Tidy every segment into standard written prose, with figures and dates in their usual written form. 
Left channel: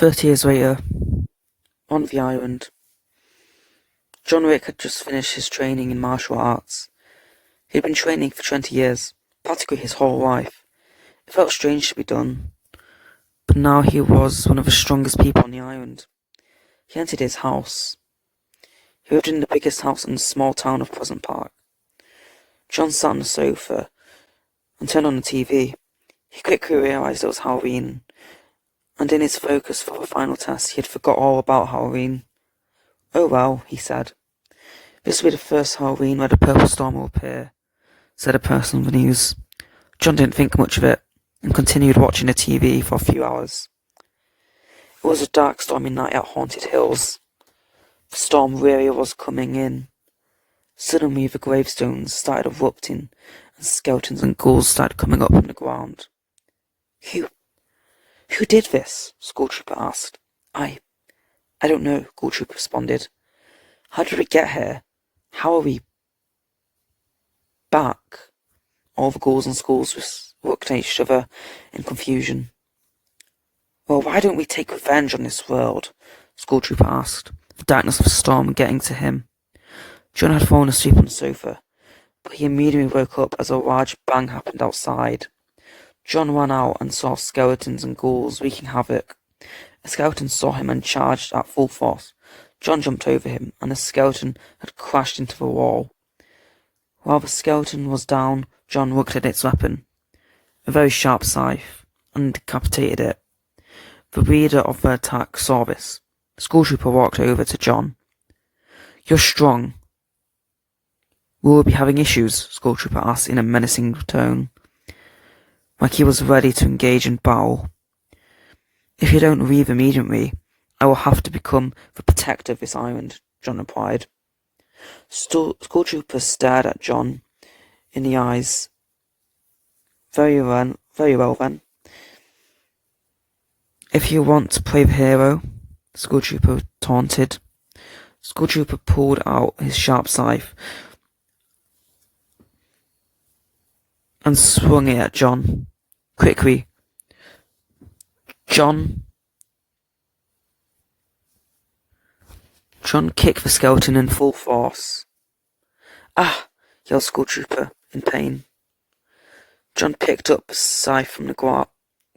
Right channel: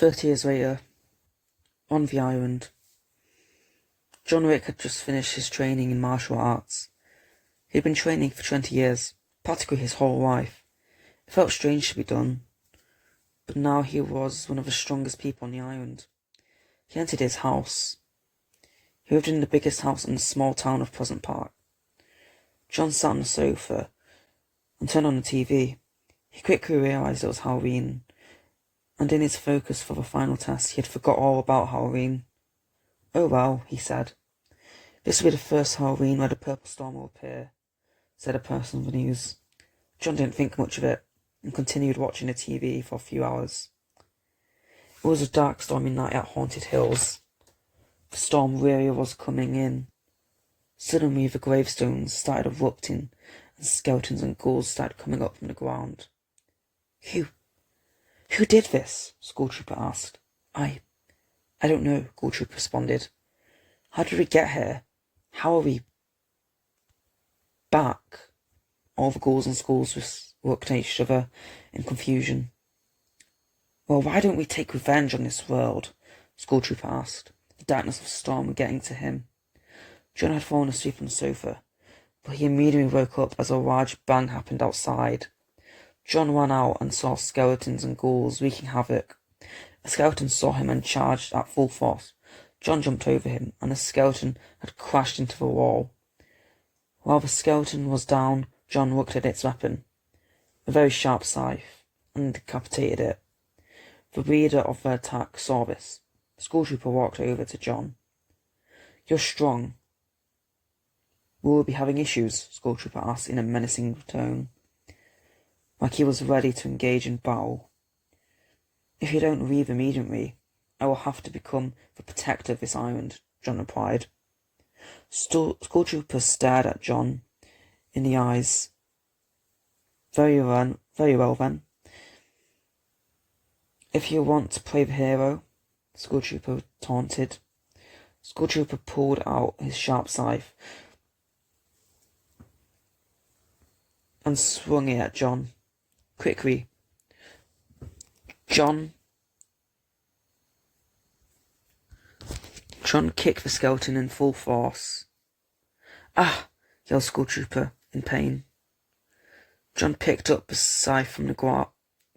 30 years later, on the island, John Wick had just finished his training in martial arts. He had been training for 20 years, practically his whole life. It felt strange to be done, but now he was one of the strongest people on the island. He entered his house. He lived in the biggest house in the small town of Pleasant Park. John sat on the sofa and turned on the TV. He quickly realised it was Halloween, and in his focus for the final test, he had forgot all about Halloween. "Oh well," he said. "This will be the first Halloween where the purple storm will appear," said a person on the news. John didn't think much of it, and continued watching the TV for a few hours. It was a dark, stormy night at Haunted Hills. The storm really was coming in. Suddenly the gravestones started erupting, and skeletons and ghouls started coming up from the ground. Who did this?" School Trooper asked. I don't know," School Trooper responded. "How did we get here? How are we back?" All the ghouls and schools looked at each other in confusion. "Well, why don't we take revenge on this world?" School Trooper asked, the darkness of the storm getting to him. John had fallen asleep on the sofa, but he immediately woke up as a large bang happened outside. John ran out and saw skeletons and ghouls wreaking havoc. A skeleton saw him and charged at full force. John jumped over him, and the skeleton had crashed into the wall. While the skeleton was down, John looked at its weapon, a very sharp scythe, and decapitated it. The leader of the attack saw this. The School Trooper walked over to John. "You're strong. Will we be having issues?" School Trooper asked in a menacing tone, like he was ready to engage in battle. "If you don't leave immediately, I will have to become the protector of this island," John replied. School Trooper stared at John in the eyes. Very well then. "If you want to play the hero," School Trooper taunted. School Trooper pulled out his sharp scythe and swung it at John. Quickly, John kicked the skeleton in full force. "Ah!" yelled School Trooper in pain. John picked up the scythe from the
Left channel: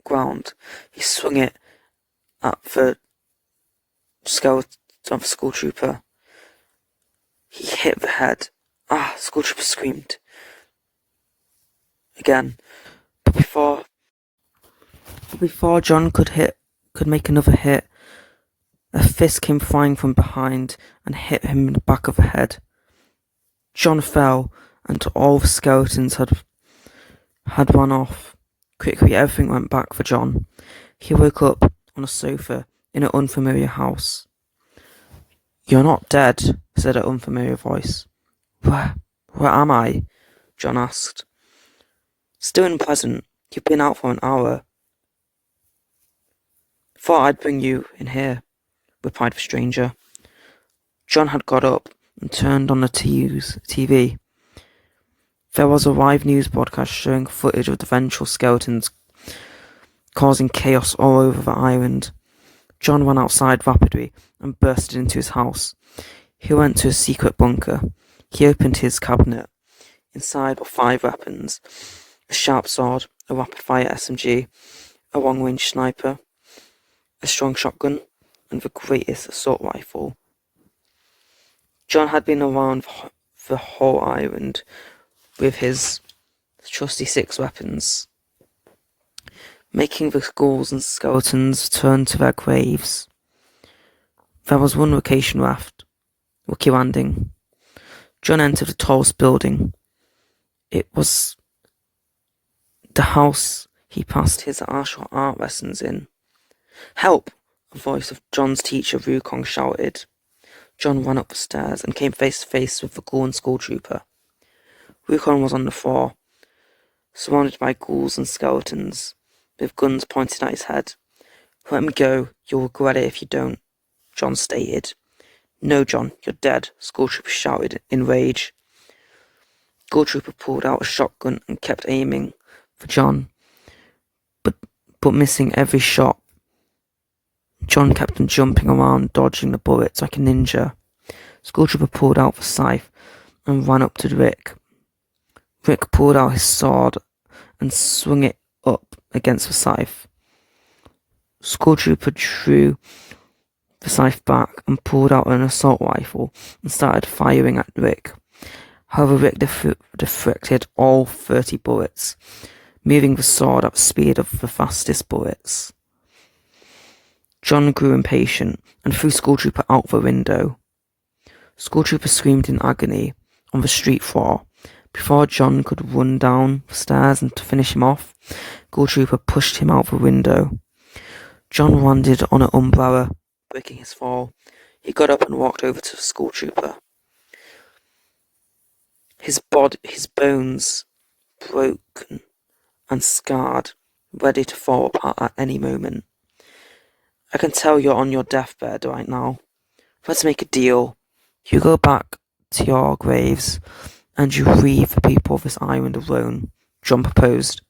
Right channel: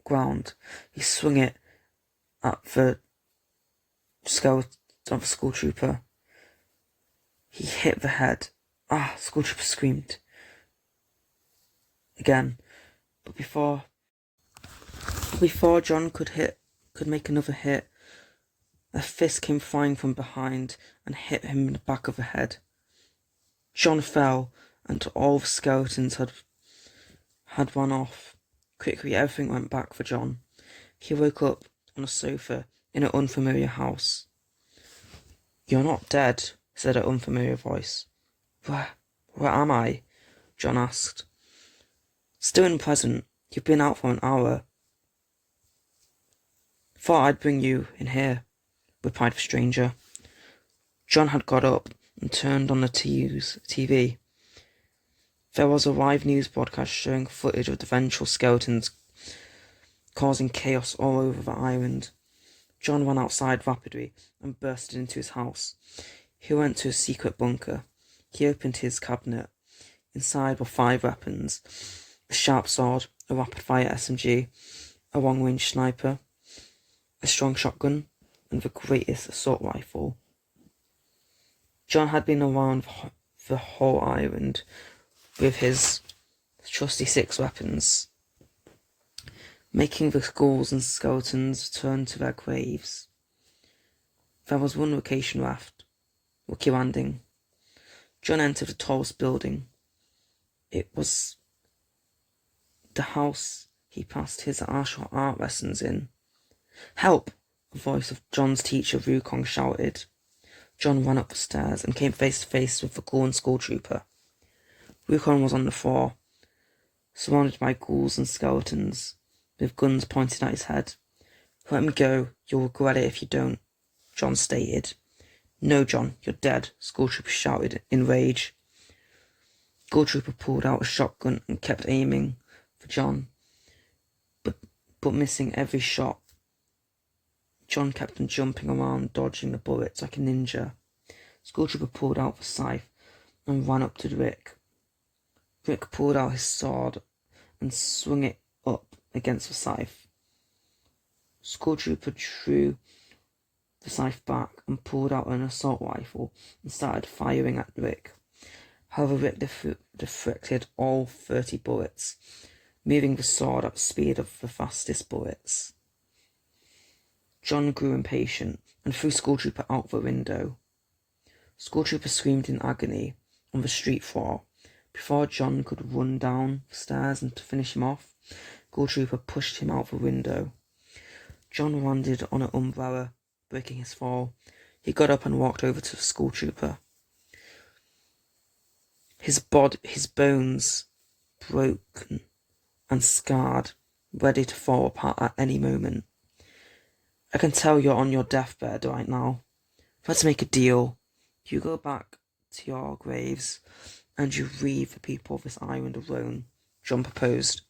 ground. He swung it at the skeleton of the School Trooper. He hit the head. "Ah!" School Trooper screamed again, but before John could make another hit, a fist came flying from behind and hit him in the back of the head. John fell, and all the skeletons had run off. Quickly, everything went back for John. He woke up on a sofa in an unfamiliar house. "You're not dead," said an unfamiliar voice. Where am I?" John asked. "Still in Pleasant. You've been out for an hour." "Thought I'd bring you in here," replied the stranger. John had got up and turned on the TV. There was a live news broadcast showing footage of the vengeful skeletons causing chaos all over the island. John ran outside rapidly and bursted into his house. He went to a secret bunker. He opened his cabinet. Inside were 5 weapons: a sharp sword, a rapid-fire SMG, a long-range sniper, a strong shotgun, and the greatest assault rifle. John had been around the whole island with his trusty 6 weapons, making the ghouls and skeletons turn to their graves. There was one location left: Lucky Landing. John entered the tallest building. It was the house he passed his martial art lessons in. "Help!" a voice of John's teacher, Wukong, shouted. John ran up the stairs and came face to face with the ghoul and School Trooper. Wukong was on the floor, surrounded by ghouls and skeletons, with guns pointed at his head. "Let me go. You'll regret it if you don't," John stated. "No, John, you're dead," School Trooper shouted in rage. School Trooper pulled out a shotgun and kept aiming for John, but missing every shot. John kept on jumping around, dodging the bullets like a ninja. School Trooper pulled out the scythe and ran up to Rick. Rick pulled out his sword and swung it up against the scythe. School Trooper drew the scythe back and pulled out an assault rifle and started firing at Rick. However, Rick deflected all 30 bullets, moving the sword at the speed of the fastest bullets. John grew impatient and threw School Trooper out the window. School Trooper screamed in agony on the street floor. Before John could run down the stairs and to finish him off, School Trooper pushed him out the window. John landed on an umbrella, breaking his fall. He got up and walked over to the School Trooper. His bones broken and scarred, ready to fall apart at any moment. I can tell you're on your deathbed right now. Let's make a deal. You go back to your graves and you leave the people of this island alone, John proposed.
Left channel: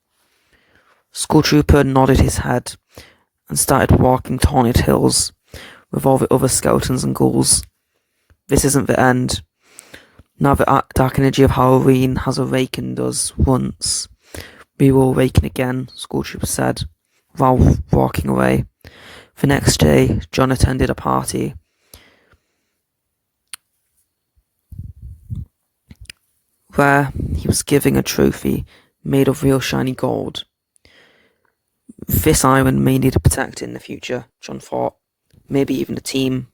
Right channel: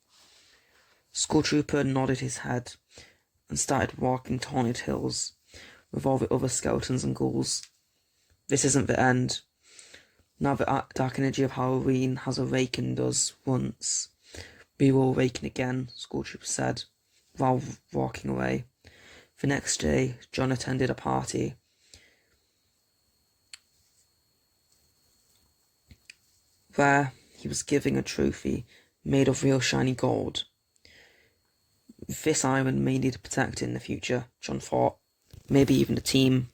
School Trooper nodded his head and started walking to Haunted Hills with all the other skeletons and ghouls. This isn't the end. Now the dark energy of Halloween has awakened us once. We will awaken again, School Trooper said, while walking away. The next day, John attended a party. Where he was given a trophy made of real shiny gold. This island may need protecting in the future, John thought. Maybe even the team.